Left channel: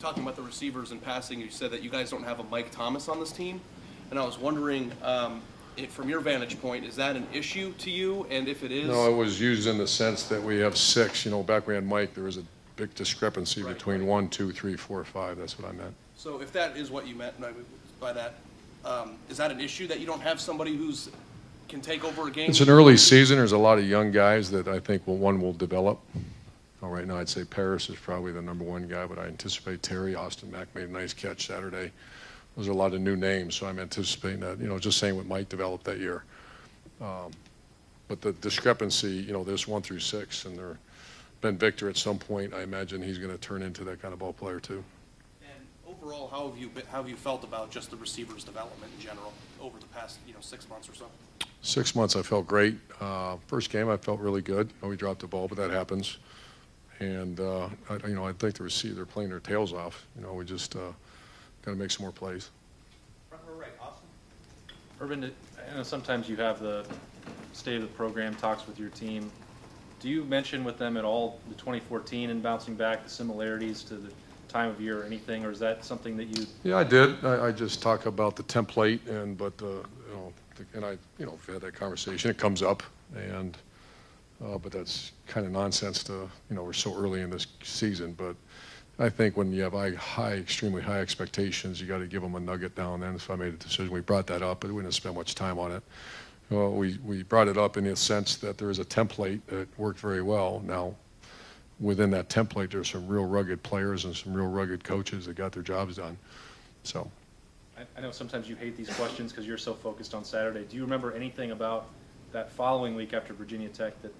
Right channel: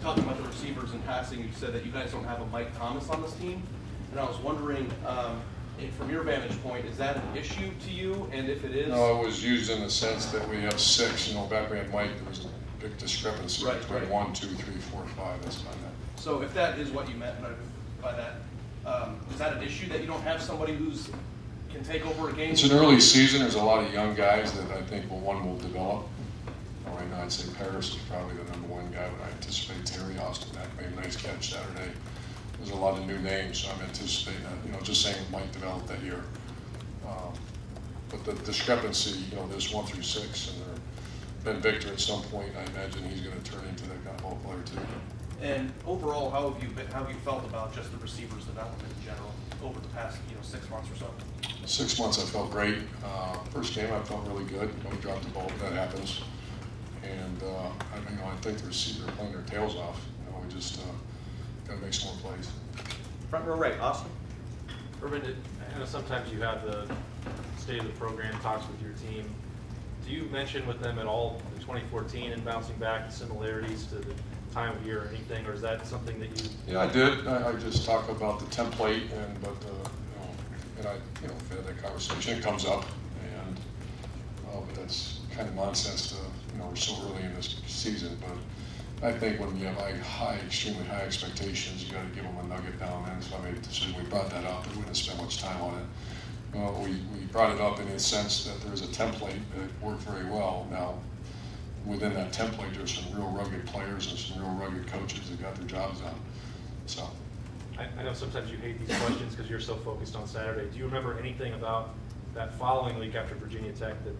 Talking about the receivers and passing, you said that you guys don't have a Mike Thomas on this team, and I was wondering, from your vantage point, is that an issue to you? And if it is, no, it was used in the sense that we have 6. You know, back when we had Mike, there was a big discrepancy between 1, 2, 3, 4, 5. That's what I meant. So if that is what you meant by that, is that an issue that you don't have somebody who's can take over a game? It's an early season. There's a lot of young guys that I think will develop. Right now, I'd say Paris is probably the #1 guy, but I anticipate Terry Austin Mack made a nice catch Saturday. There's a lot of new names, so I'm anticipating that. You know, just saying what Mike developed that year. But the discrepancy, you know, there's 1 through 6, and Ben Victor at some point, I imagine he's going to turn into that kind of ball player too. And overall, how have you felt about just the receivers' development in general over the past 6 months or so? 6 months, I felt great. First game, I felt really good. We dropped the ball, but that happens. And I think the receivers are playing their tails off. You know, we just got to make some more plays. Front row right, Austin. Urban, I know sometimes you have the state of the program talks with your team. Do you mention with them at all the 2014 and bouncing back, the similarities to the time of year or anything, or is that something that you? Yeah, I did. I just talk about the template, but that conversation, it comes up, and but that's kind of nonsense to, we're so early in this season. But I think when you have extremely high expectations, you got to give them a nugget now and then. So I made the decision. We brought that up, but we didn't spend much time on it. Well, we brought it up in the sense that there's a template that worked very well. Now, within that template, there's some real rugged players and some real rugged coaches that got their jobs done. So, I know sometimes you hate these questions because you're so focused on Saturday. Do you remember anything about that following week after Virginia Tech that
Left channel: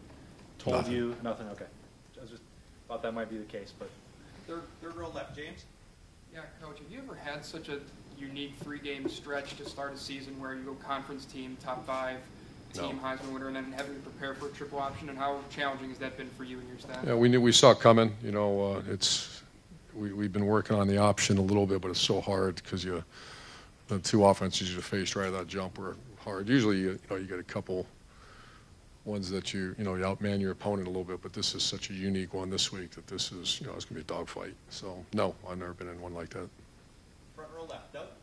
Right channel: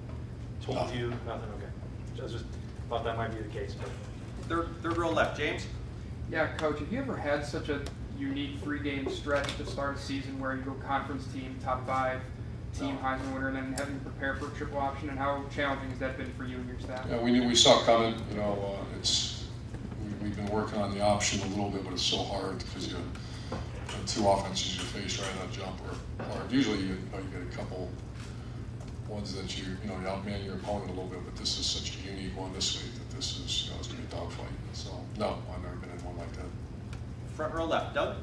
told you nothing? Okay, I just thought that might be the case. But third row left, James. Yeah, Coach. Have you ever had such a unique 3-game stretch to start a season where you go conference team, top 5, team Heisman winner, and then having to prepare for a triple option? And how challenging has that been for you and your staff? Yeah, we saw it coming. We've been working on the option a little bit, but it's so hard because the 2 offenses you face right on the jump are hard. Usually you get a couple ones that you outman your opponent a little bit, but this is such a unique one this week that this is it's going to be a dogfight. So no, I've never been in one like that. Front row left, Doug.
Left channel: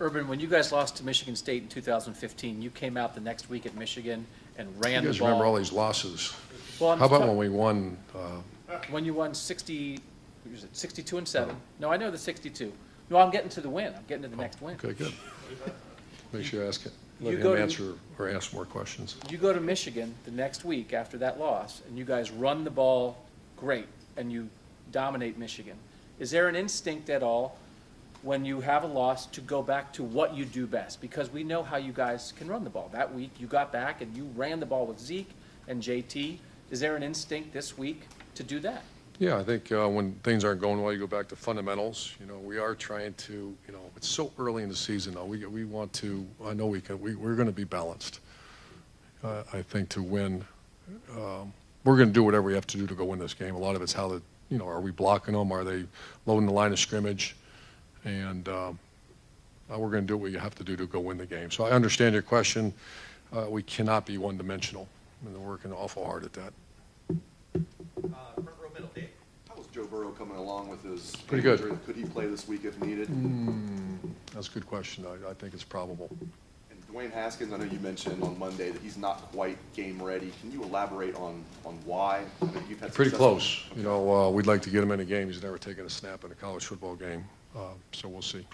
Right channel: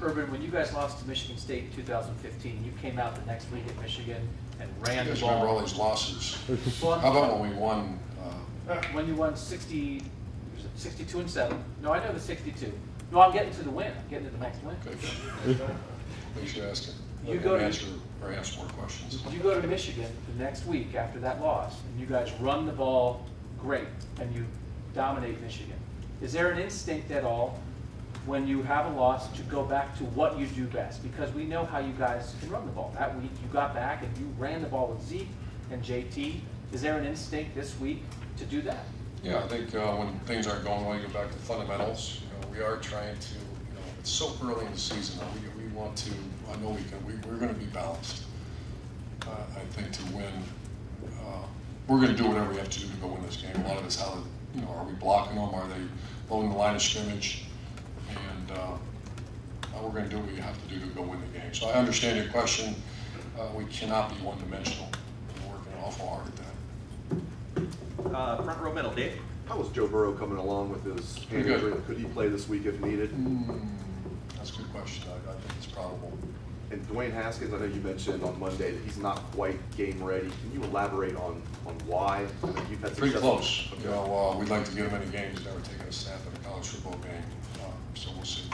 Urban, when you guys lost to Michigan State in 2015, you came out the next week at Michigan and ran the ball. You guys remember all these losses. Well, how about when we won? When you won 62-7. No, I know the 62. No, I'm getting to the win. I'm getting to the next win. Okay, good. Make sure you ask it. Ask more questions. You go to Michigan the next week after that loss, and you guys run the ball great, and you dominate Michigan. Is there an instinct at all when you have a loss to go back to what you do best? Because we know how you guys can run the ball. That week you got back and you ran the ball with Zeke and JT. Is there an instinct this week to do that? Yeah, I think when things aren't going well, you go back to fundamentals. We are trying to, it's so early in the season though. We want to, I know we're going to be balanced. I think to win, we're going to do whatever we have to do to go win this game. A lot of it's how, are we blocking them? Are they loading the line of scrimmage? And we're going to do what we have to do to go win the game. So I understand your question. We cannot be one-dimensional. We're working awful hard at that. Front row middle, Dave. How was Joe Burrow coming along with his pretty good? Could he play this week if needed? That's a good question. I think it's probable. And Dwayne Haskins, I know you mentioned on Monday that he's not quite game ready. Can you elaborate on why? I mean, you've had pretty close. Okay. We'd like to get him in a game. He's never taken a snap in a college football game, so we'll see.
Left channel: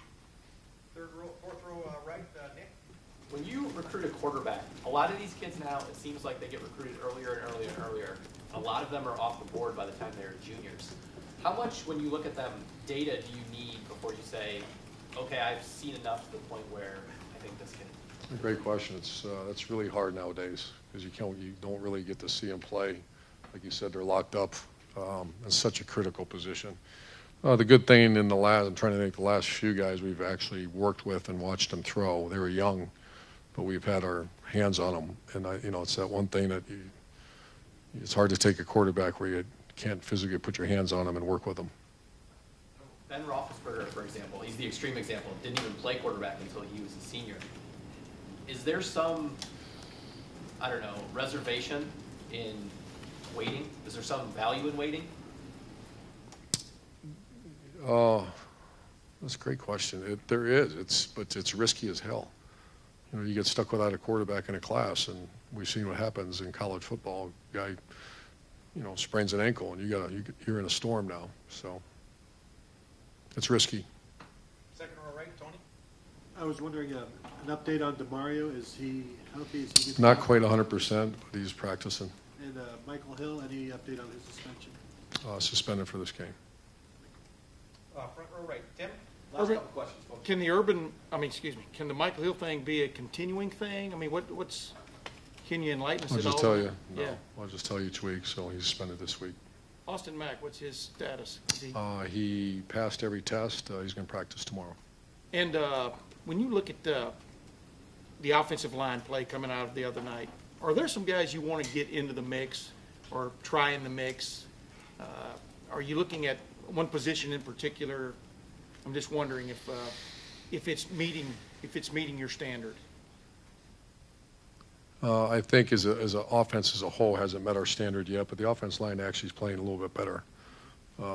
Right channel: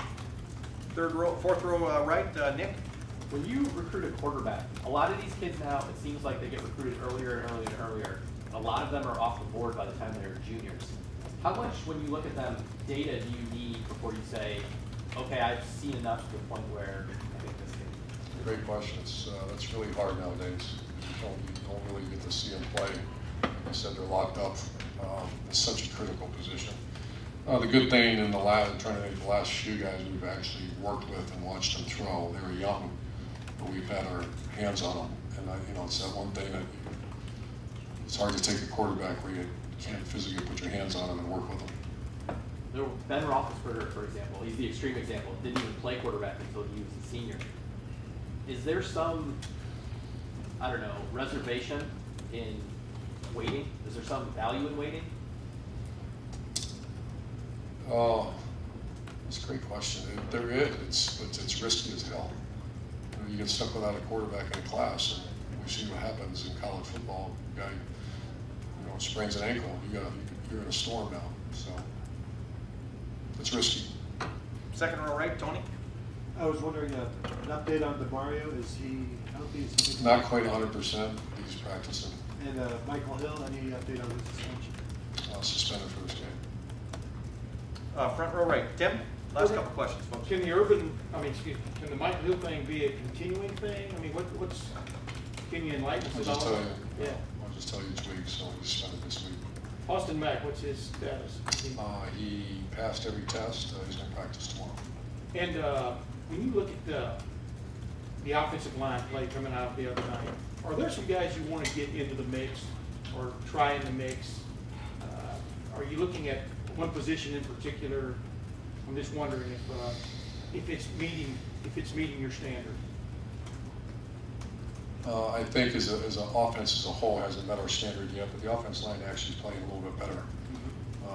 Fourth row right, Nick. When you recruit a quarterback, a lot of these kids now, it seems like they get recruited earlier and earlier and earlier. A lot of them are off the board by the time they're juniors. How much, when you look at them, data do you need before you say, okay, I've seen enough to the point where I think this kid? It's a great question. It's really hard nowadays because you don't really get to see them play. Like you said, they're locked up. It's such a critical position. The good thing in the last few guys we've actually worked with and watched them throw. They were young, but we've had our hands on them. And it's that one thing that it's hard to take a quarterback where you can't physically put your hands on them and work with them. Ben Roethlisberger, for example, he's the extreme example. Didn't even play quarterback until he was a senior. Is there some, I don't know, reservation in waiting? Is there some value in waiting? Oh, that's a great question. There is, but it's risky as hell. You know, you get stuck without a quarterback in a class, and we see what happens in college football. Guy, sprains an ankle, and you're in a storm now. So it's risky. Second row right, Tony. I was wondering, an update on DeMario. Is he healthy? Is he good? Not quite 100%. He's practicing. And Michael Hill, any update on his suspension? Suspended for this game. Front row right, Tim. Last couple questions, folks. Can the Michael Hill thing be a continuing thing? I mean, what's Kenyan likeness I'll at just all? tell you. Yeah. I'll just tell you each week. So he's suspended this week. Austin Mack, what's his status? He passed every test. He's going to practice tomorrow. And when you look at the offensive line play coming out of the other night, are there some guys you want to get into the mix or try in the mix? Are you looking at one position in particular? I'm just wondering if it's meeting your standard. I think as an offense as a whole hasn't met our standard yet, but the offense line actually is playing a little bit better.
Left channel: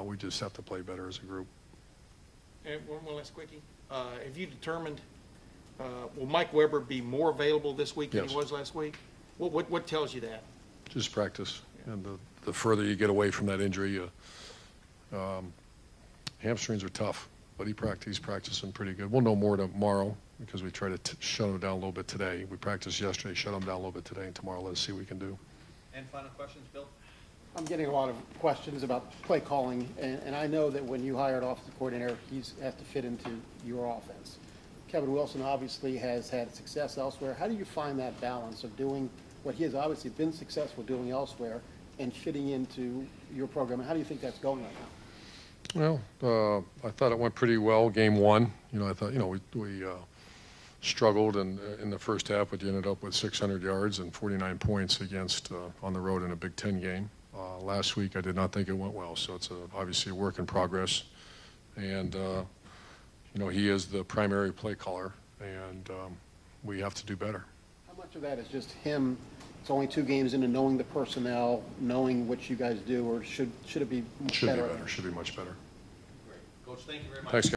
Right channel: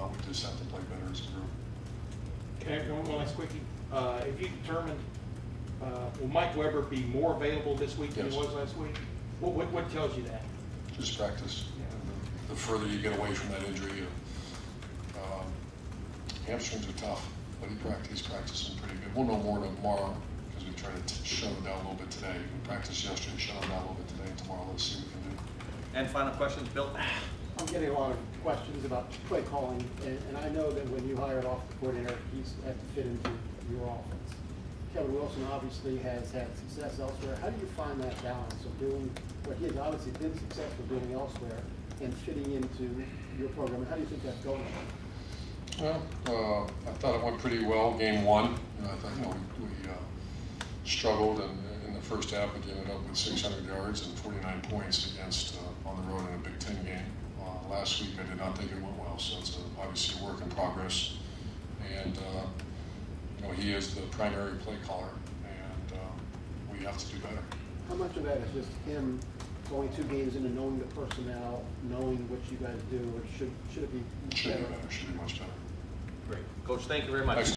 We just have to play better as a group. Okay, one last quickie. Have you determined, will Mike Weber be more available this week than he Yes. was last week? What tells you that? Just practice, and the further you get away from that injury, hamstrings are tough. But he's practicing pretty good. We'll know more tomorrow because we try to shut him down a little bit today. We practiced yesterday, shut him down a little bit today, and tomorrow let's see what we can do. And final questions, Bill. I'm getting a lot of questions about play calling, and I know that when you hire an offensive coordinator, he's has to fit into your offense. Kevin Wilson obviously has had success elsewhere. How do you find that balance of doing what he has obviously been successful doing elsewhere and fitting into your program? And how do you think that's going? Well, I thought it went pretty well. Game one, I thought, we struggled, and in the first half, we ended up with 600 yards and 49 points against on the road in a Big Ten game. Last week, I did not think it went well, so it's obviously a work in progress. And he is the primary play caller, and we have to do better. How much of that is just him? It's only 2 games in and knowing the personnel, knowing what you guys do, or should it be Should better? be better. Should be much better. Great. Coach, thank you very much. Thanks.